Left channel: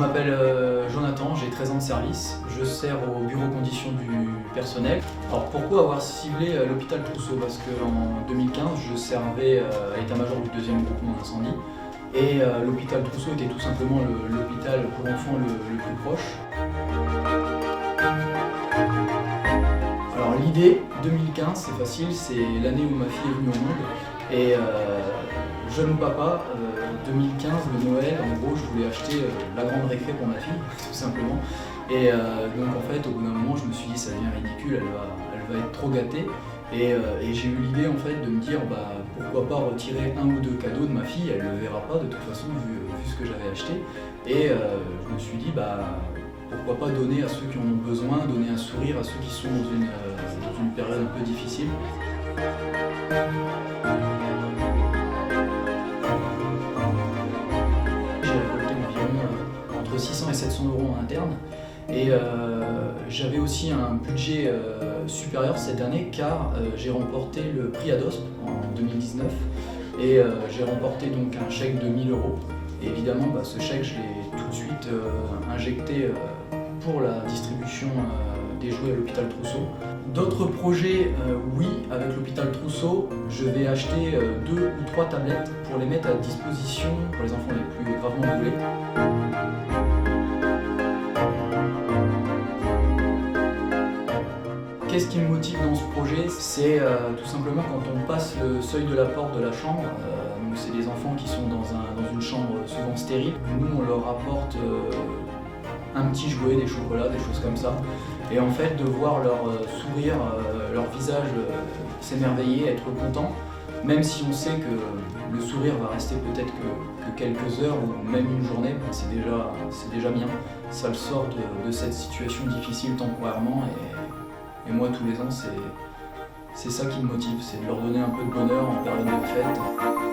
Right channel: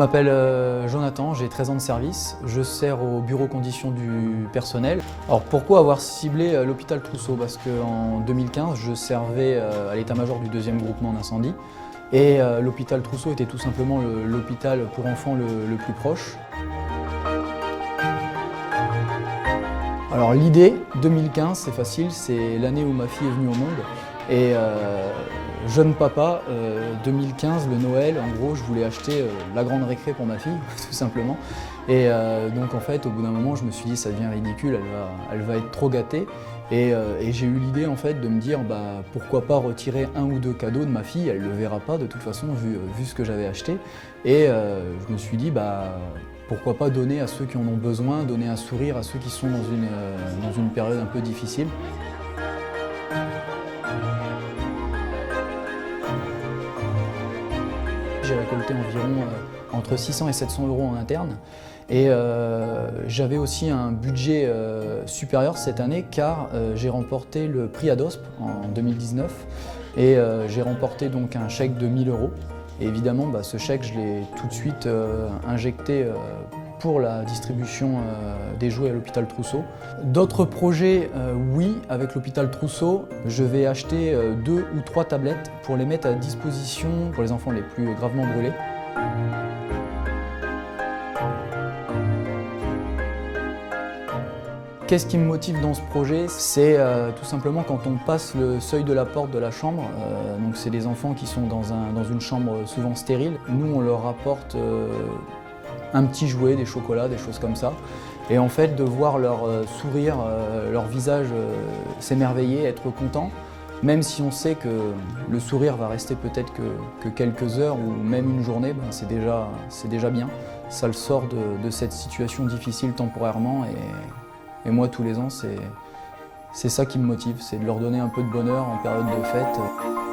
m'appelle Jonathan, j'ai 13 ans de service, je sers au bureau conditions du personnel. Alors pourquoi avoir ciblé l'hôpital Trousseau? Parce qu'en 2015, je servais à l'état-major du 2e groupement d'incendie et l'hôpital Trousseau était tout simplement l'hôpital pour enfants le plus proche. Alors l'idée, 2015, c'est facile, c'est l'année où ma fille est venue au monde. Et jeune papa, 2015, le Noël, en gros, je voulais acheter la grande récré pour ma fille, tout simplement. Et donc en fait, au bout d'un moment, je me suis dit, ça devient ridicule, elle va être trop gâtée. Et j'ai eu l'idée en fait de me dire, pourquoi pas retirer un ou deux cadeaux de ma fille, elle ne le verra pas de toute façon, vu ce que j'avais acheté. Et je me suis dit, pourquoi pas donner à ceux qui en ont besoin, donner un sourire à ceux qui sont dans une période un peu difficile. J'ai récolté environ entre 600 et 700 euros en interne et j'avais aussi un budget supérieur cette année car j'ai remporté le prix ADOSP en 2019 et j'ai remporté donc un chèque de 1000 euros. Et évidemment, ce chèque, je l'ai tout de suite injecté pour la distribution des jouets à l'hôpital Trousseau. D'autres projets, oui, avec l'hôpital Trousseau, je vais acheter 2 ou 3 tablettes pour les mettre à disposition pour les enfants les plus gravement brûlés. Qu'est-ce qui me motive dans ce projet? C'est tout simplement quand on passe le seuil de la porte de la chambre, donc c'est des enfants qui sont dans une chambre souvent stérile. Nous, on leur apporte un petit jouet, des chocolats, des choses comme ça. Et en fait, de voir leur sourire, leur visage s'émerveiller, être content, même si on sait que le sourire va rester peut-être que quelques heures ou même une journée, c'est déjà bien. Ça le sort de cette situation difficile temporairement. Et moi, tous les ans, c'est ça qui me motive, c'est de leur donner un peu de bonheur en période de fête.